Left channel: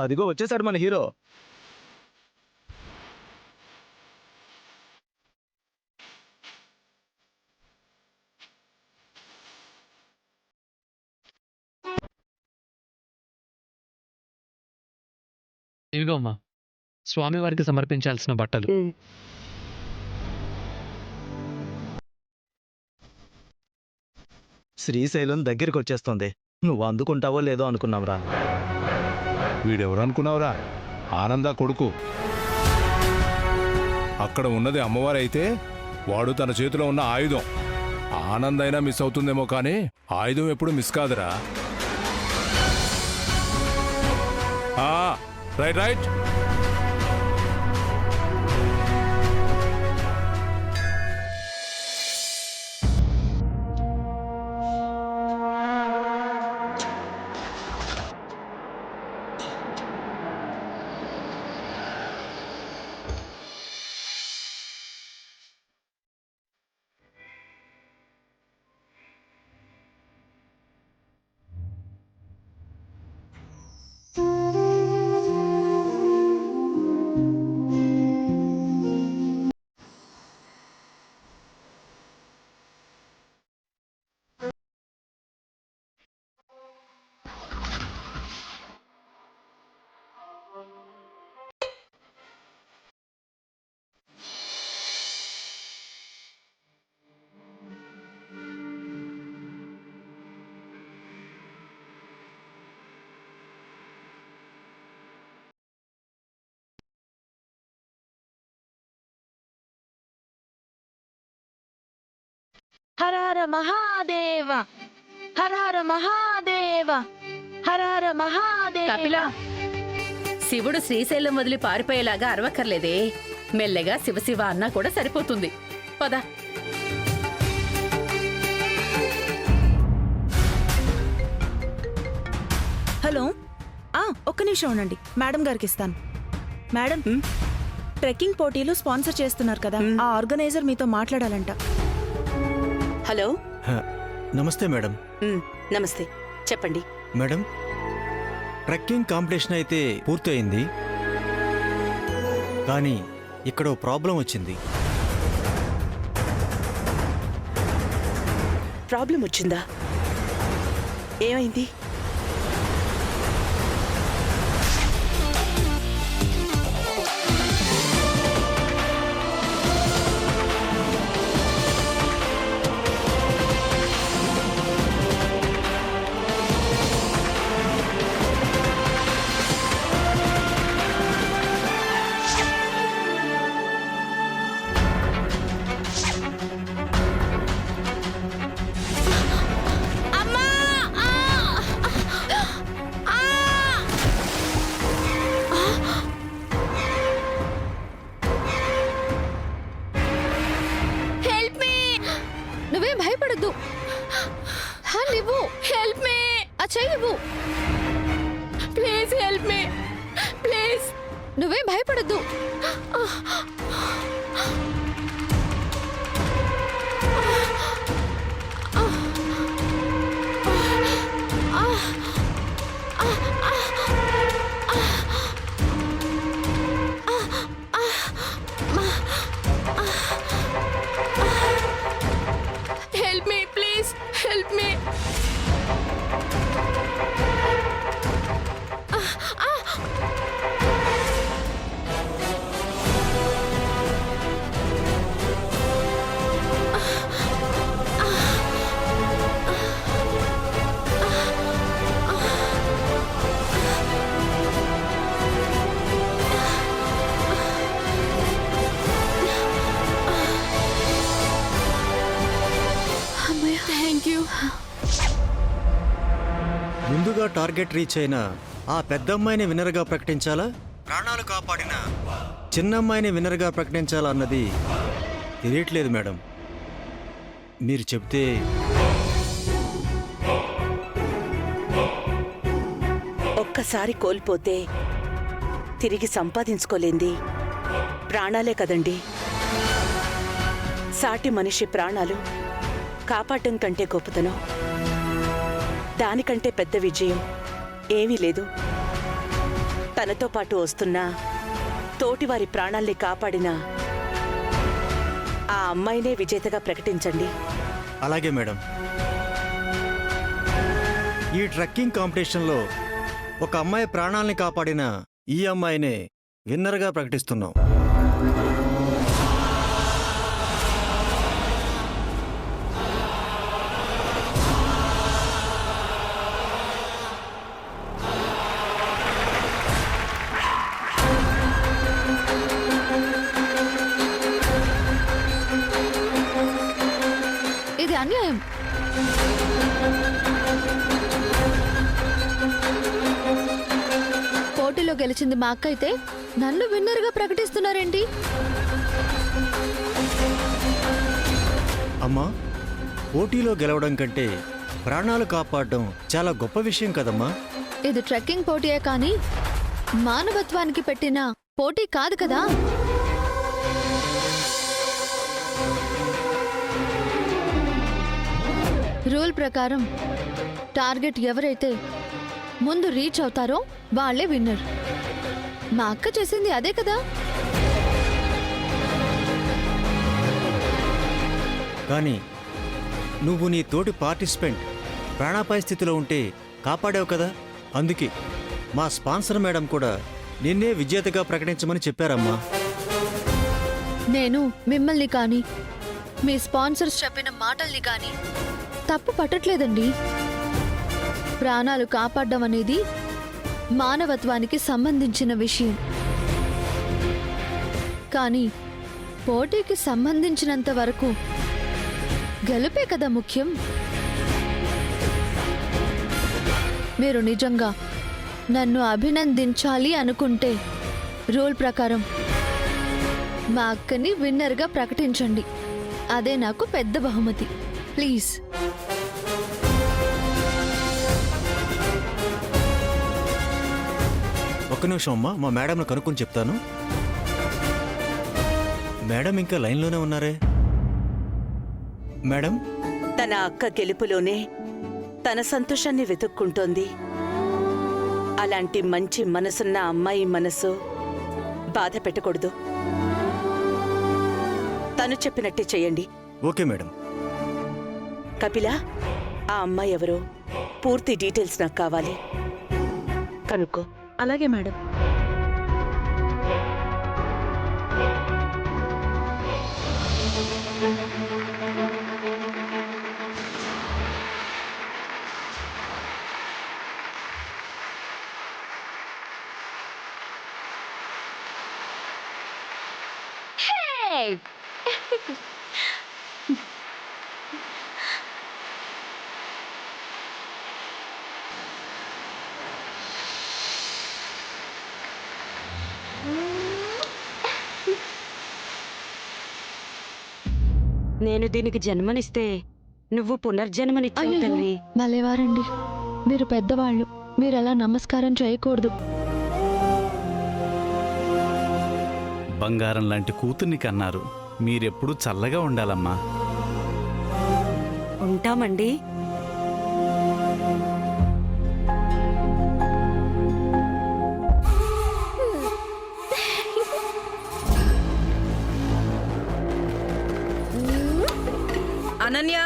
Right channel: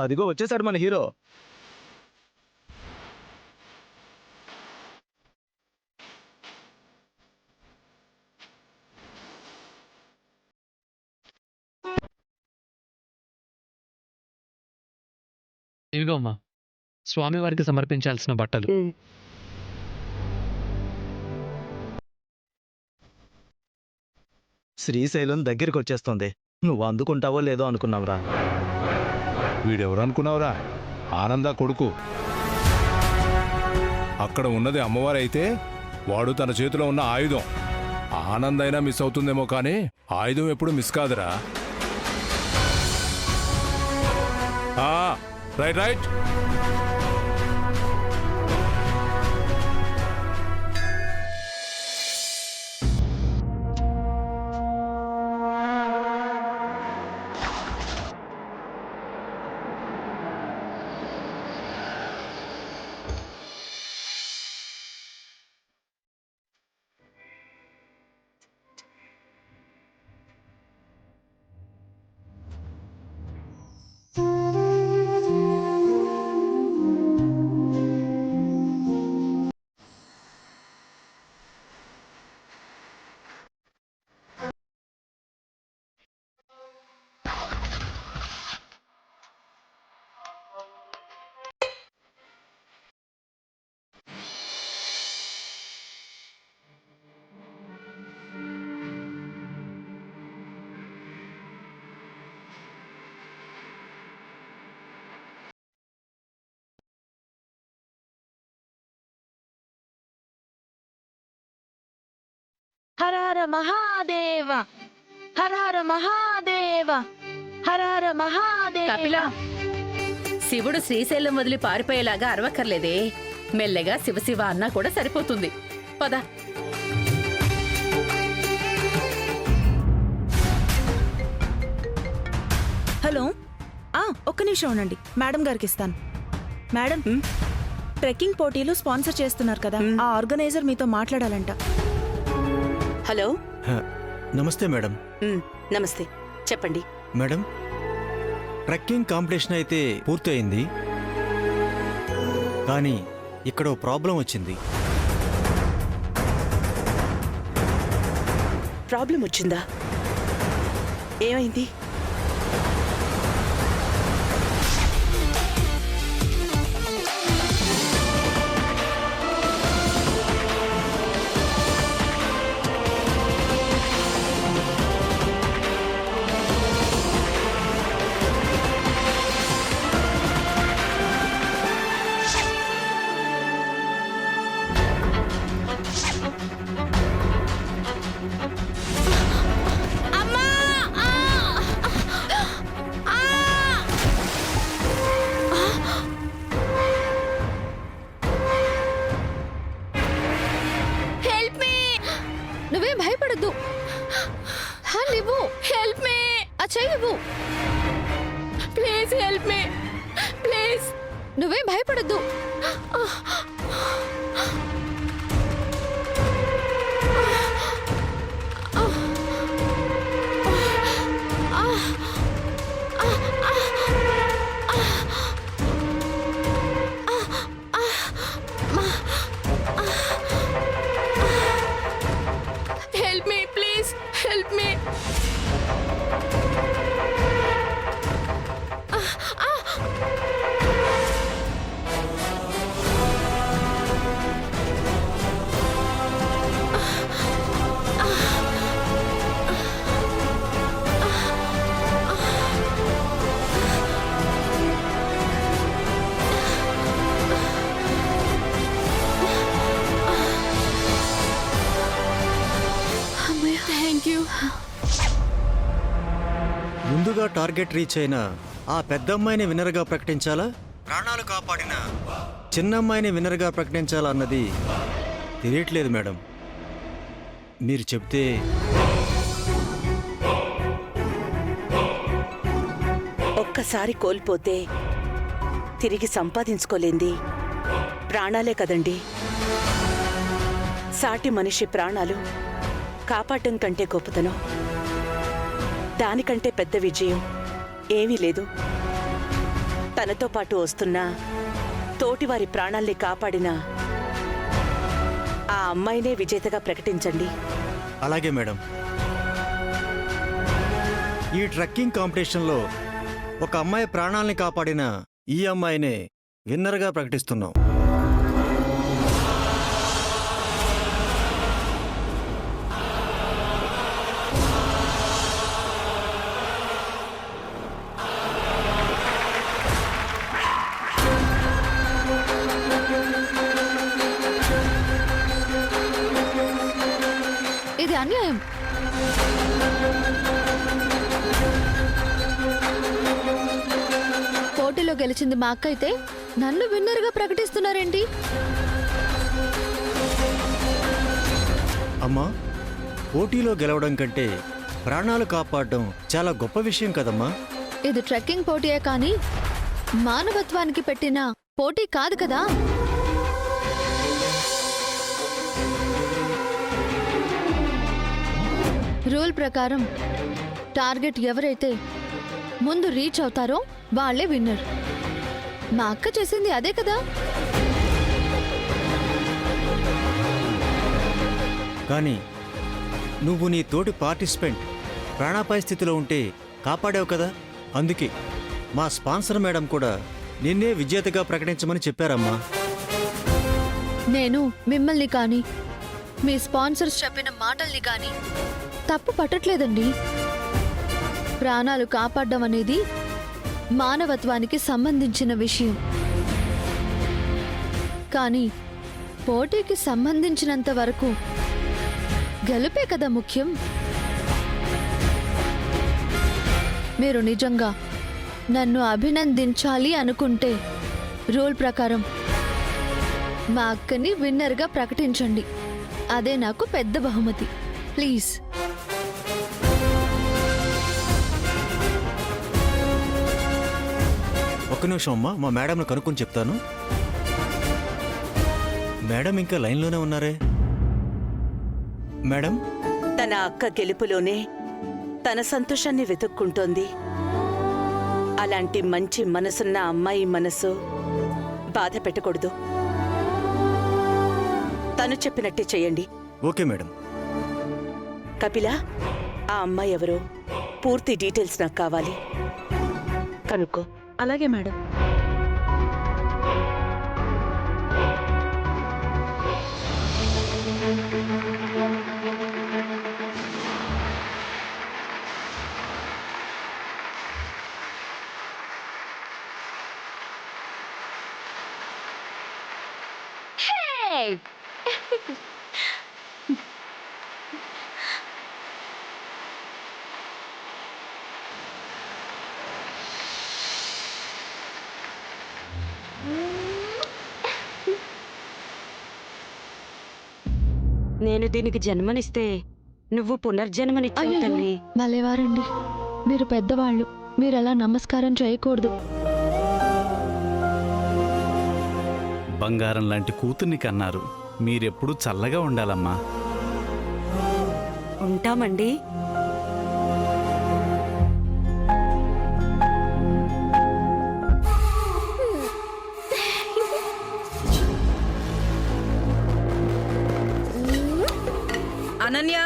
అదిగో వచ్చేసాడు మన హీరో. ఇవిగో అమ్మా, స్వామివారికి సమర్పించాల్సిన బట్టలు. శ్రీశైలం దగ్గరికి వచ్చేస్తుంది. నువ్వు అందుకుంటావో లేదో అనుకున్నావురా. వీడెవరు అనుకున్నావురా? ఆనంద కొడుకు. అక్కడ ఉన్నది అమ్మవారైతే వాడు తన చేతిలో ఉన్న ఆయుధం. ఆనందైనా మిస్ అవుతుందేమో కానీ ఆయుధం ఎప్పుడు మిస్ కాదురా. Right right. హర హర మహాదేవ, హర హర మహాదేవ, హర హర మహాదేవ. కపిల, శివుడు శ్రీశైలం వదిలి పారిపోయేలాగా అరవక్కర్లేదే. మెల్లగా శివశివ అన్నా కూడా సరిపోతుంది. పద. హలో, ఒక్క నిమిషం ఉండండి, మేడం గారికి ఇస్తాను. మేడం, ట్రెక్కింగ్ పోటీలు స్పాన్సర్ చేస్తున్నారు కదా, ఆ ఆర్గనైజర్ మీతో మాట్లాడాలంట. హలో. నమస్తే మేడం. నమస్తే, చెప్పండి. మేడం, ట్రెక్కింగ్ కాంపిటీషన్ అయితే పూర్తయింది, కానీ ఇక్కడ ఓ ప్రాబ్లం వచ్చింది. ప్రాబ్లం వచ్చిందా? ఏమైంది? నువ్వేం భయపడద్దు. నువ్వు హెల్ప్ మీ. ఆ చెయ్యవు. Please help me, please. నువ్వేం భయపడద్దు. Help me, please. Help me. ముందుగా టార్గెట్ రీచ్ అయిన ఆ పెద్దమ్మాయిని విన్నర్గా ప్రకటించాలా, ప్రాణాలు కాపాడిన చిన్నమ్మాయిని విన్నర్గా ప్రకటించాలా అన్నది తెలియట్లేదు మేడం. మీరు చెప్తే. ఒక్కసారి కోల్పోతే తిరిగి సంపాదించుకోలేంది ప్రాణాలే కదండి. సాటి మనిషి ప్రాణాలు కాపాడటం కంటే గొప్పతనం, దానికంటే పెద్ద విజయం ఏమీ లేదు. తనతో పాటు వస్తున్న తోటివారి ప్రాణాల్ని కాపాడిన ఆ అమ్మాయినే విజేతగా ప్రకటించండి. అలాగే మేడం. ఈ ట్రెక్కింగ్ కాంపిటీషన్లో ఒక అమ్మాయి ప్రాణాల్ని కాపాడిన ఈ అమ్మాయినే విన్నర్గా ప్రకటిస్తున్నాం. ఇది అన్యాయం. పోటీలో గెలిచింది మా అక్క అయితే నన్ను విన్నర్గా ప్రకటిస్తున్నారేంటి? అమ్మా, పోటీలో గెలవడం కంటే ప్రాణాలు కాపాడడం చాలా గొప్ప విషయం కదమ్మా. ఇది ట్రెక్కింగ్ పోటీయే కానీ మానవత్వానికి పెట్టిన పోటీ కాదు కదా. రూల్ ప్రకారం టార్గెట్ ఎవరైతే ముందు రీచ్ అవుతారో వాళ్ళే విన్నర్. మా అక్క చేసింది అదే కదా. కానీ నువ్వు నీ తోటి పార్టిసిపెంట్ ప్రాణాపాయ స్థితిలో ఉంటే కాపాడావు కదా. అందుకే మా స్పాన్సర్ మేడం కూడా నిన్నే విజేతగా ప్రకటించమని చెప్పారమ్మా. నేను మిమ్మల్ని కానీ మీ స్పాన్సర్స్ చెప్పిన మాటల్ని కానీ తప్పు పట్టట్లేదండి. ప్రాణాలు కాపాడడం అనేది మానవత్వానికి సంబంధించిన విషయం. కానీ పోటీకి సంబంధించినంత వరకు గెలుపే కదా ముఖ్యం. మీరు నిజంగా నన్ను అభినందించాలి అనుకుంటే రూల్ ప్రకారం మా అక్కని విన్నర్గా ప్రకటించండి. అదే నాకు పెద్ద బహుమతి. ప్లీజ్. ఒక్క నిమిషం అమ్మా, మా మేడంను కనుక్కొని చెప్తాను. మేడం ఇంకా లైన్లోనే ఉన్నారే. మేడం, తన అక్క గెలుపులోనే తన సంతోషాన్ని వెతుక్కుంటోంది. అలాంటి మంచి మనసున్న అమ్మాయి మనసు బాధ పెట్టకూడదు. తను చెప్పినట్టే చెయ్యండి. Okay madam. కపిల, ఆ అమ్మాయి ఎవరో పూర్తి డీటెయిల్స్ నాకు కావాలి. కనుక్కో. అలాగే మేడం. నేను దీనికి జన్మనిస్తే నువ్వు పునర్జన్మనిచ్చావు అయ్యయ్యో, తల్లి. భలేవారండి. మీరు పెద్దవాళ్ళు, మీరు అలా నమస్కారం చేయకూడదు. బంగారం లాంటి కూతుర్ని కన్నారు. మీరెప్పుడు చల్లగా ఉండాలమ్మా. ఉంటామండి. అనన్య,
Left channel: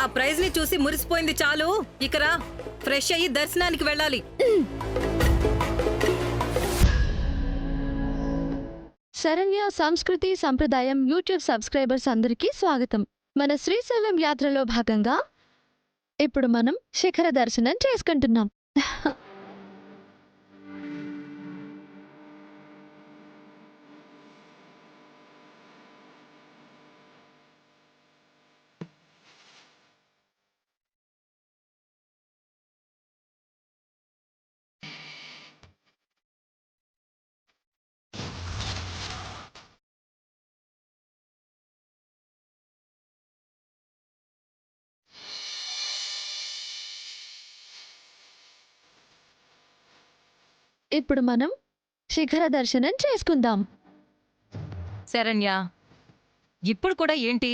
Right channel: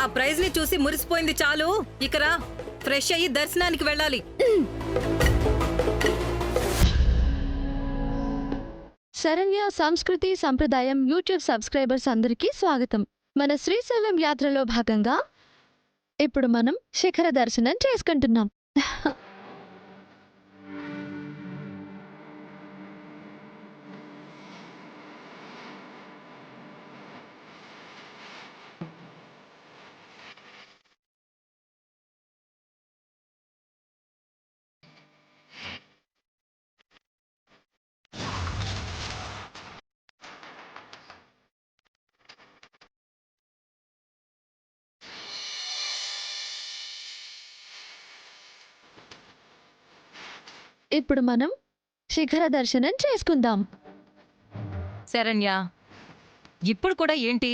ఆ ప్రైజ్ ని చూసి మురిసిపోయింది చాలు. ఇకరా ఫ్రెష్ అయ్యి దర్శనానికి వెళ్ళాలి. శరణ్య సంస్కృతి సంప్రదాయం యూట్యూబ్ సబ్స్క్రైబర్స్ అందరికీ స్వాగతం. మన శ్రీశైలం యాత్రలో భాగంగా ఇప్పుడు మనం శిఖర దర్శనం చేసుకుంటున్నాం. ఇప్పుడు మనం శిఖర దర్శనం చేసుకుందాం. శరణ్య, ఇప్పుడు కూడా ఏంటి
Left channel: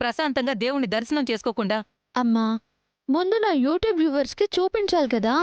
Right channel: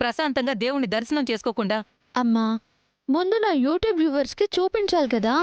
ప్రశాంతంగా దేవుణ్ణి దర్శనం చేసుకోకుండా? అమ్మా, ముందు నా యూట్యూబ్ వ్యూవర్స్కి చూపించాలి కదా.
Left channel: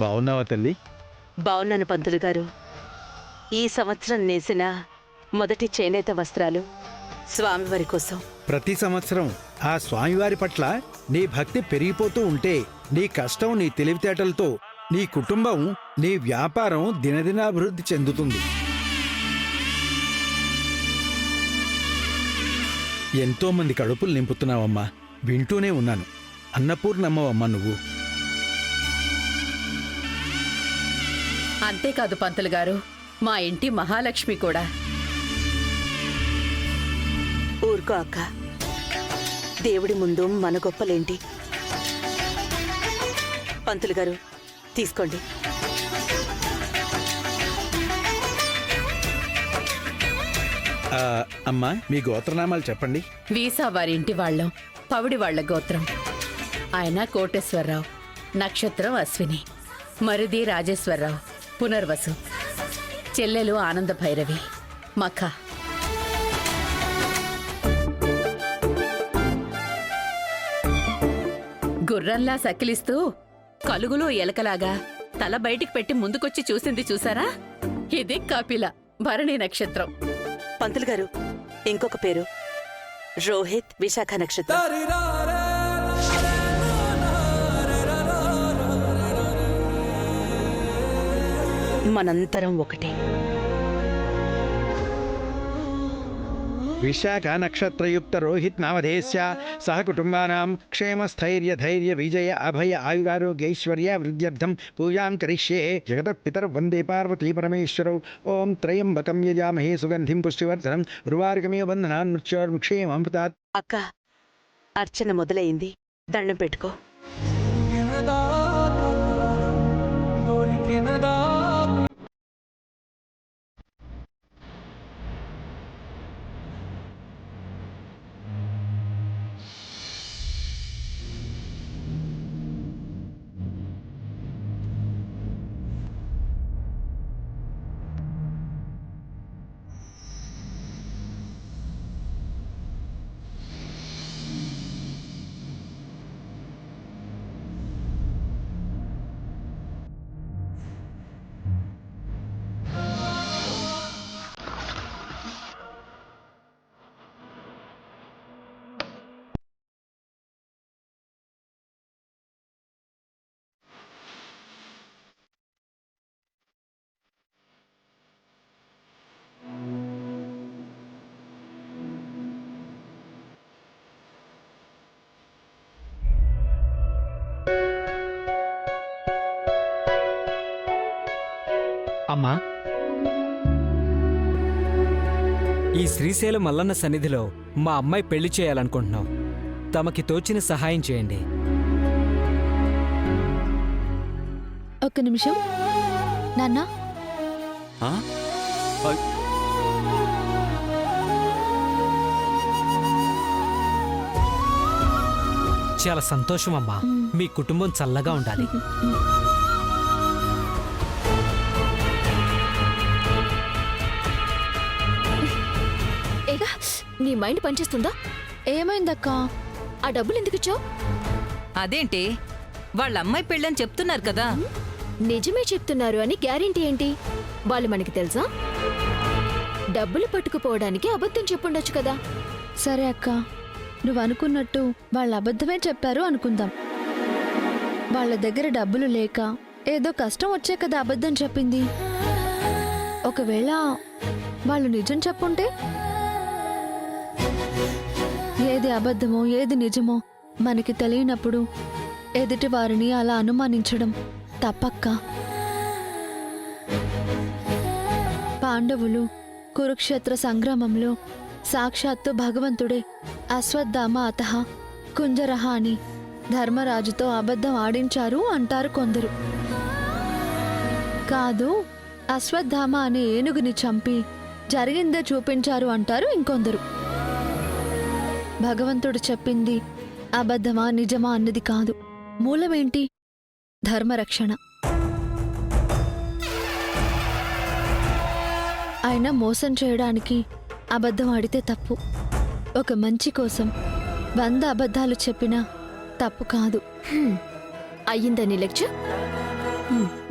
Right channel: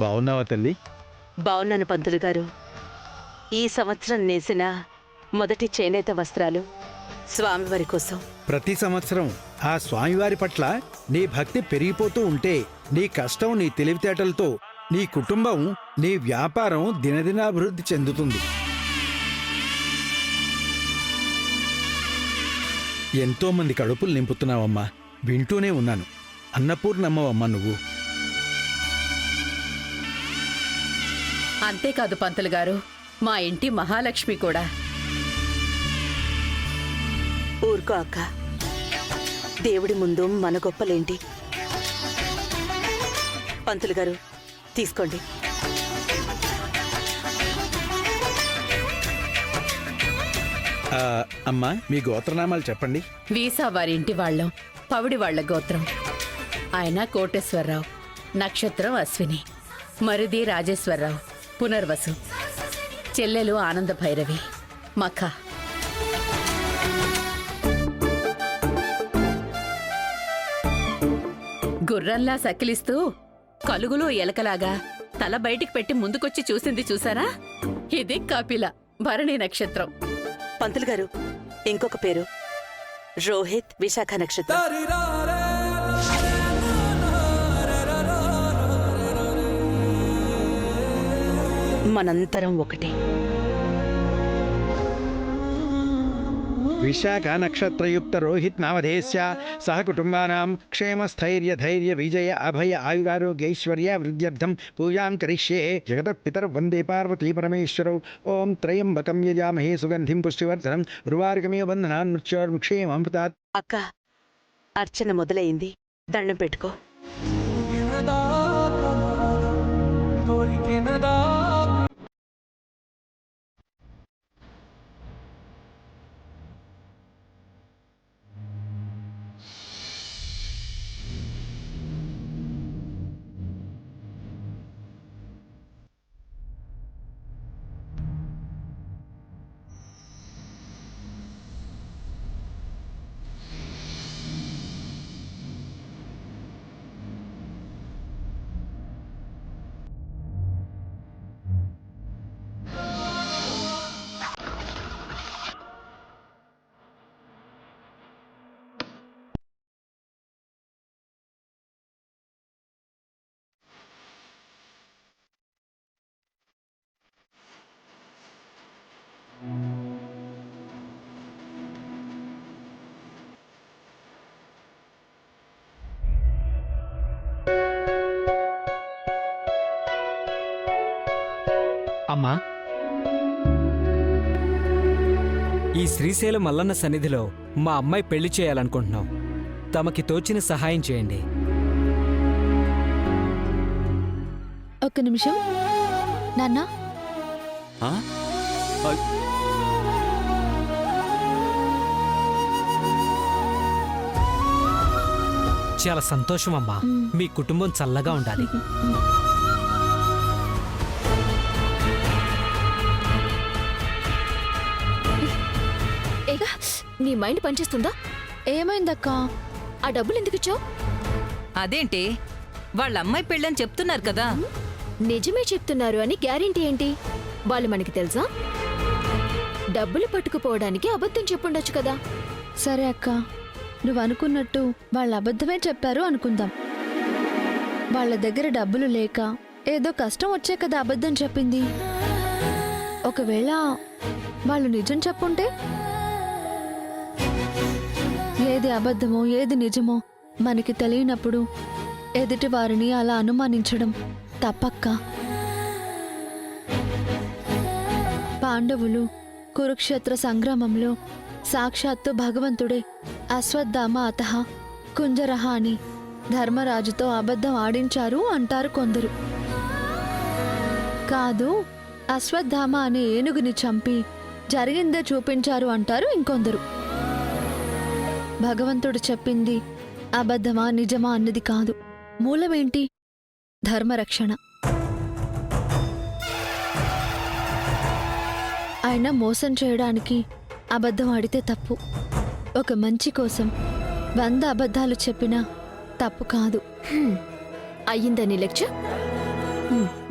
బాగున్నావా తల్లి? బావున్నాను పంతులు గారు. ఈ సంవత్సరం నేసిన మొదటి చేనేత వస్త్రాలు స్వామివారి కోసం. ప్రతి సంవత్సరం ఆ స్వామివారి పట్ల నీ భక్తి పెరిగిపోతూ ఉంటే నీ కష్టం, నీ తెలివితేటలతో నీ కుటుంబం, నీ వ్యాపారం దినదినాభివృద్ధి చెందుతుంది. ఎంతో మంది కడుపులు నింపుతున్నావమ్మా, వింటూనే ఉన్నాను. అన్నపూర్ణమ్మవమ్మా నువ్వు. అంతేకాదు పంతులు గారు, మా ఇంటి మహాలక్ష్మి కూడా. ఊరుకో అక్క, దేవుడి ముందు మన గొప్పలేంటి. పంతులు గారు తీసుకోండి. అమ్మా, మీ గోత్రనామాలు చెప్పండి. వీసా వారి ఇంటి వాళ్ళం, పవిడి వాళ్ల గోత్రం. ఆయన కోటేశ్వరరావు, నక్షత్రం అశ్విని, మరిది రాజేశ్వరరావు, పునర్వసు, చెల్లెలు ఆనంద భైరవి, మఖ. గుర్రంలా సకిలిస్తూ కలుగులో ఎలకలాగా తల బయటికి పెట్టి ముందుకొచ్చి చూసింది చూసారా? ఇది కపిల, భరణి నక్షత్రం. పంతులు గారు ఇంకొక పేరు రోహిత్, విశాఖ నక్షత్రం. మనంతరం ఒకటే. విశాఖ నక్షత్రయుక్త రోహిత్ నామధేస్య సహ కుటుంబానాం క్షేమ స్థైర్య ధైర్య విజయ అభయ ఆయురారోగ్యైశ్వర్య వృద్ధ్యర్థం పూజాం కరిష్యే. జగతః పితర్ వందే పార్వతీ పరమేశ్వరౌ. ఓం త్రయంబకం యజామహే సుగంధిం పుష్టివర్ధనం ఉర్వారుకమివ బంధనాన్ మృత్యోర్ముక్షేమం ప్రదాత్. అక్క, అర్చన మొదలైంది, దండం పెట్టుకో. అమ్మా, ఈ శ్రీశైలం మల్లన్న సన్నిధిలో మా అమ్మాయి పెళ్లి చేయాలనుకుంటున్నాం. తమకి తోచిన సహాయం చేయండి. ఒక్క నిమిషం నాన్న. ఆ? అయ్- చాలా సంతోషం అమ్మా. మీ కుటుంబం చల్లగా ఉండాలి. ఏగా నీ మైండ్ పనిచేస్తుందా? ఏమైందక్కా? ఆ డబ్బులు ఎందుకు ఇచ్చావు? అదేంటి వాళ్ళ అమ్మాయి పెళ్ళని చెప్తున్నారు కదా. నిజమే చెప్తున్నారు అని గ్యారెంటీ ఏంటి? వాళ్ళు మనకి తెలుసా? డబ్బులు పట్టుకుపోవడానికి అబద్ధం చెప్పుండొచ్చు కదా. సరే అక్క, నువ్వు అనుకున్నట్టు వాళ్ళు అబద్ధమే చెప్పారు అనుకుందాం. వాళ్ళ దగ్గర డబ్బులు లేక ఏదో కష్టం వచ్చే కదా అబద్ధం చెప్పింది. ఒకవేళ వాళ్ళు నిజం చెప్పుంటే? ఏది అబద్ధమో ఏది నిజమో మనకి తెలియనప్పుడు ఎదుటి వారిని అలా అనుమానించడం తప్పక్క. పాండవులు కురుక్షేత్ర సంగ్రామంలో సాక్షాత్తు భగవంతుడే అశ్వత్థామ అతః కుంజరహ అని ధర్మరాజుతో అబద్ధం ఆడించారు అంటారు కొందరు. కాదు, అశ్వత్థామ అనే ఏనుగుని చంపి జరిగిందే చూపించారు అంటారు ఇంకొందరు. భగవంతుడు చెప్పింది అబద్ధమా నిజమా అన్నది కాదు, మూలమేంటి? ధర్మరక్షణ. ఆయన మోసం చేయడానికి అబద్ధం ఆడితే తప్పు. ఒక మంచి కోసం 100 అబద్ధాలు చెప్పినా తప్పు కాదు. అయ్యిందని లెక్చర్.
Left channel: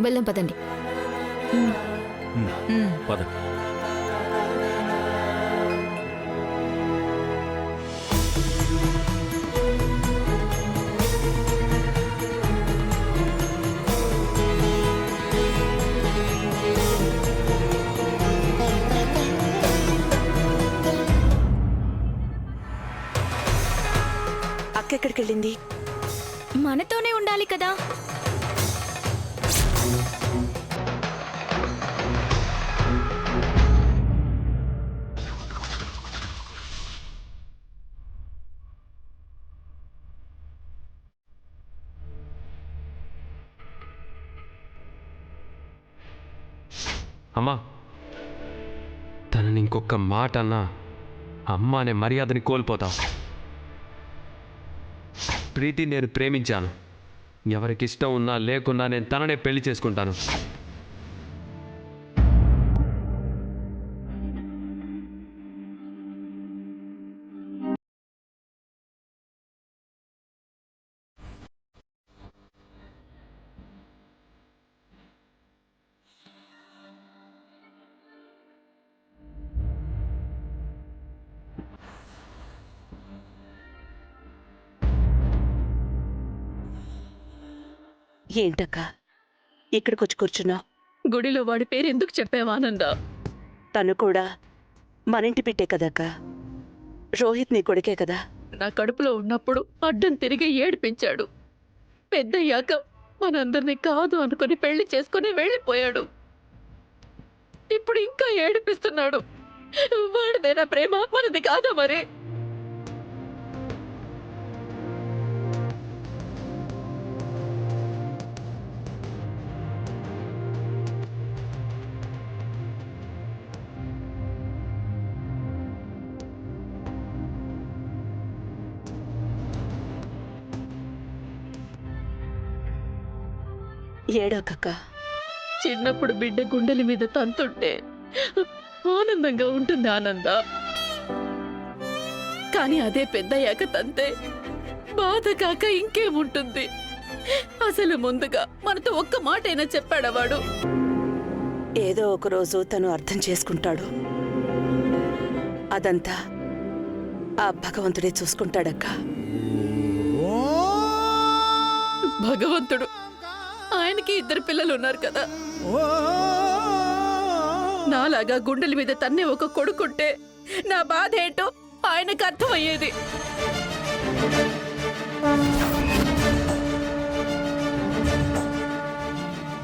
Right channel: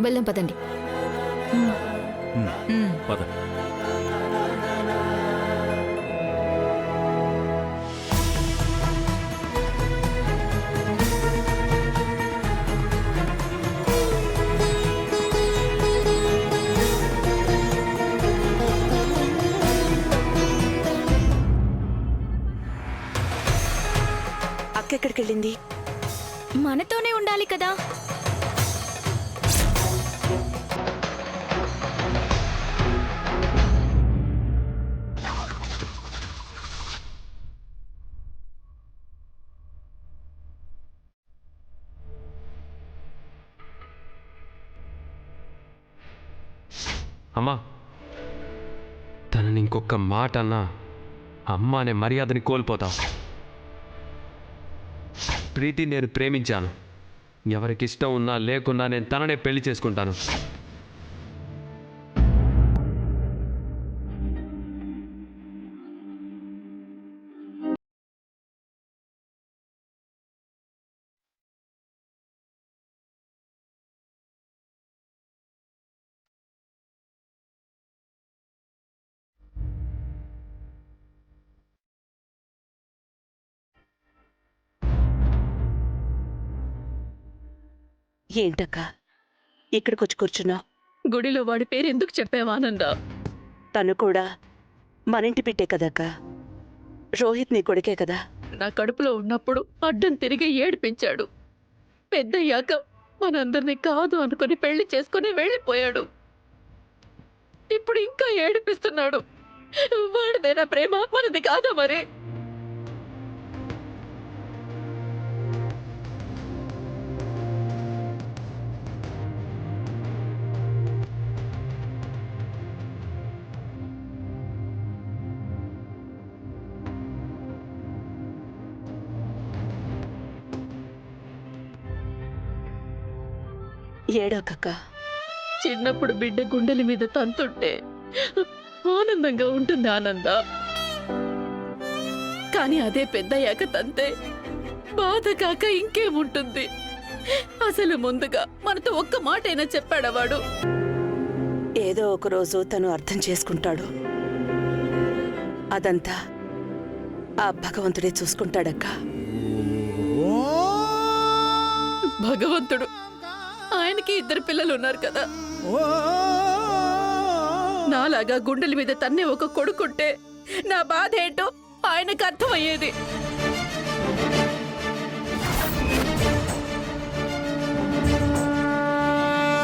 వెళ్దాం పదండి. పద. అక్క ఎక్కడికెళ్ళింది? మనతోనే ఉండాలి కదా. అమ్మా, తనని ఇంకొక మాట అన్నా అమ్మ అనే మర్యాదని కోల్పోతాం. ప్రీతి నేను ప్రేమించాను. ఎవరికి ఇష్టం ఉన్నా లేకున్నా నేను తననే పెళ్లి చేసుకుంటాను. ఏంటక్క ఇక్కడికొచ్చి కూర్చున్నావు? గుడిలో వాడి పేరు ఎందుకు చెప్పావానందా? తను కూడా మనింటి బిడ్డే కదక్క. రోహిత్ నీ కొడుకే కదా. నా కడుపులో ఉన్నప్పుడు అడ్డం తిరిగి ఏడిపించాడు. పెద్దయ్యాక మనందరినీ కాదు అనుకుని పెళ్లి చేసుకుని వెళ్ళిపోయాడు. ఇప్పుడు ఇంకా ఏడిపిస్తున్నాడు. వాడిదేనా ప్రేమ, మనది కాదా మరి? ఏడోకక్క. చిన్నప్పుడు బిడ్డ గుండెల మీద తంతుంటే ఆనందంగా ఉంటుంది ఆనంద. కానీ అదే పెద్దయ్యాక తంతే బాధ కాక ఇంకేముంటుంది? అసలు ముందుగా మనతో ఒక్క మాటైనా చెప్పాడా వాడు? ఏదో ఒక రోజు తను అర్థం చేసుకుంటాడు. అదంతా ఆ భగవంతుడే చూసుకుంటాడక్క. భగవంతుడు, ఆయనకి 2 పిల్లలు ఉన్నారు కదా. నాలాగా గుండెల మీద తన్నే ఒక కొడుకుంటే నా బాధ ఏంటో ఆయనకు అర్థమయ్యేది.